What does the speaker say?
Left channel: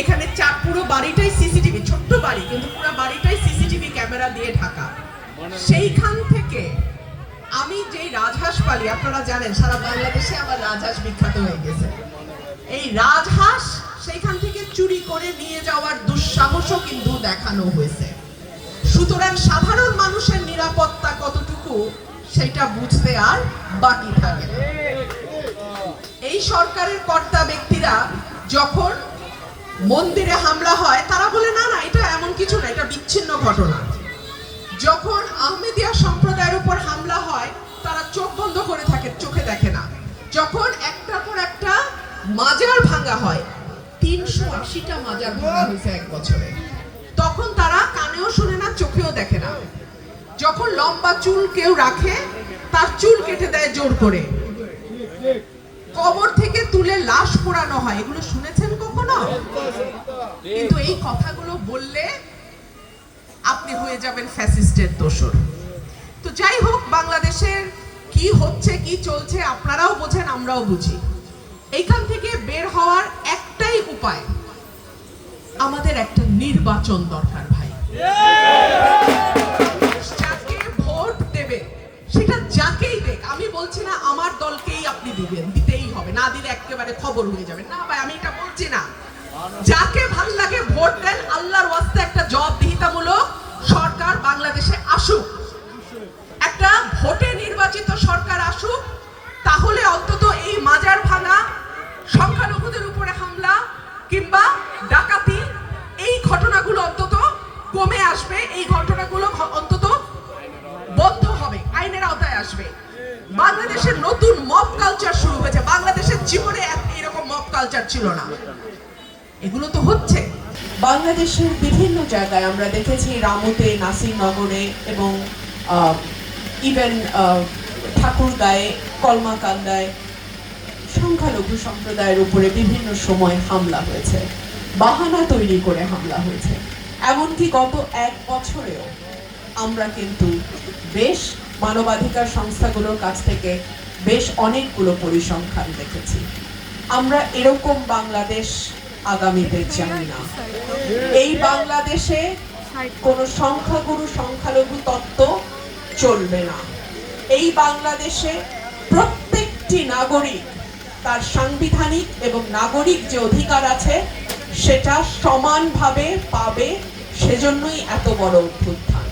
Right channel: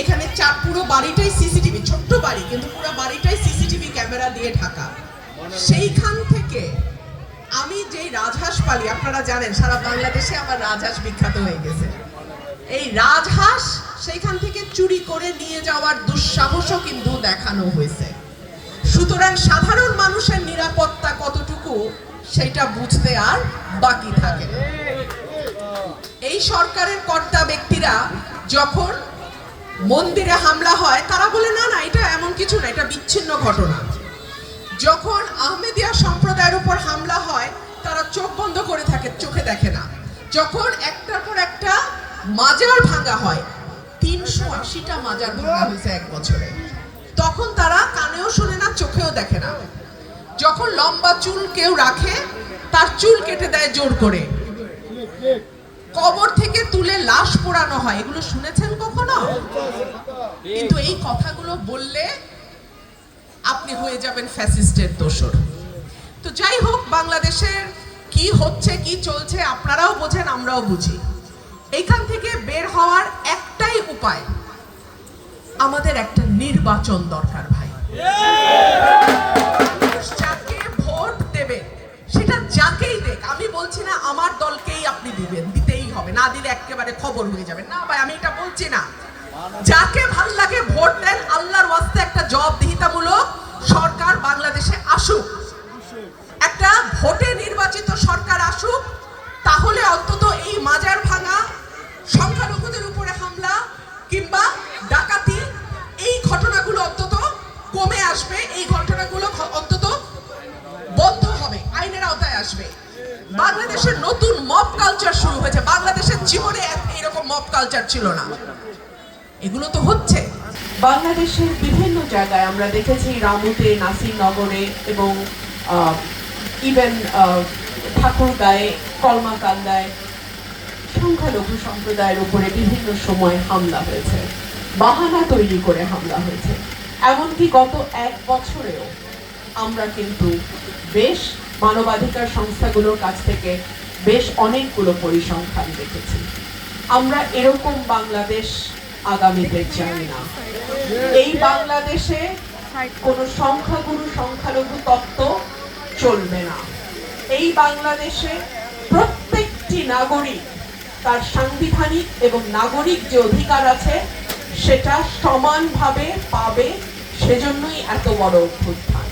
এখানে চার পুরো বাড়িটাই সিসিটিভি, ছোট্ট বাড়ি, কিন্তু পুরো বাড়িটাই সিসিটিভি ক্যামেরা দিয়ে ঢাকা। সেইখান থেকে আমি যেই রাজহাঁস পালি আপনারা জানেন, সারা বাংলাদেশে আমার রাজহাঁস বিখ্যাত হয়ে গেছে। এই রাজহাঁস সেইখান থেকে চুরি করে নিয়ে যাওয়ার দুঃসাহসও কিন্তু দেখানো হয়েছে। সুতরাং সাধারণ মানুষের নিরাপত্তা কতটুকু সেটা বুঝতে আর বাকি থাকে না। এই সরকারের কর্তা ব্যক্তিরা যখন মন্দিরে হামলা হয়, তারা বলে, না না, এটা এমন কিছু না, এটা বিচ্ছিন্ন ঘটনা। যখন আহমেদিয়া সম্প্রদায়ের উপর হামলা হয়, তারা চোখ বন্ধ করে থাকে, চোখে দেখে না। যখন একটার পর একটা মাজার ভাঙা হয়, তিনশো আশিটা মাজার ভাঙা হয়েছে এক বছরে। তখন তারা কানেও শোনে না, চোখেও দেখে না। যখন লম্বা চুল কেউ রাখে, তার চুল কেটে দেয় জোর করে। কবর থেকে তুলে লাশ পোড়ানো হয়, এগুলো শুনেছেন কখনো? কিন্তু এই কথাগুলো বললে আপনি হয়ে যাবেন ফ্যাসিস্টের দোষর। তো যাই হোক, বাংলাদেশের কি হচ্ছে, কি চলছে, আপনারাও বোঝেন, আমরাও বুঝি। এইখান থেকে বের হওয়ার একটাই উপায়, আমাদের একটা নির্বাচন দরকার ভাই। একেবারে খবর হয়ে যাবে। না ভাই, আমি এটা বলছি না। যাকে ভালো লাগে ভোট দেন, আল্লাহর ওয়াস্তে একটা জবাবদিহিতামূলক সরকার বাংলাদেশে আসুক। একটা ভোটে নির্বাচিত সরকার আসুক, তাহলে অন্তত এই মাজার ভাঙা, সংখ্যালঘুদের উপরে হামলা, কিংবা ডাকাতি, এই ঘটনাগুলো অন্তত কমে আসবে। এই ঘটনাগুলো অন্তত বন্ধ হবে, আইনের আওতায় আসবে। বাংলাদেশের নতুন মব ছিল না। এগুলো তো হচ্ছে। বাংলাদেশের বিভিন্ন জায়গায় আমরা দেখেছি রামুতে, নাসিরনগরে এবং ইভেন ঠাকুরগাঁয়ে, কলমাকান্দায় সংখ্যালঘু সম্প্রদায়ের উপরে বিভিন্ন সময় হামলা হয়েছে। বাহানা তৈরি করে হামলা হয়েছে। এমনকি গত এক বছরেও আমরা কিন্তু বেশ মানবাধিকার সংস্থাগুলোর কাছ থেকে বেশ অনেকগুলো পরিসংখ্যান দেখেছি। আমরা এরকম বাংলাদেশ আগামীতে চাই না। এই বাংলাদেশে কোনো সংখ্যাগুরু, সংখ্যালঘু তত্ত্ব চলবে না। এই বাংলাদেশে প্রত্যেকটি নাগরিক, তার সাংবিধানিক এবং নাগরিক যে অধিকার আছে, সেটা সমানভাবে পাবে, সেজন্যই এত বড় অভ্যুত্থান।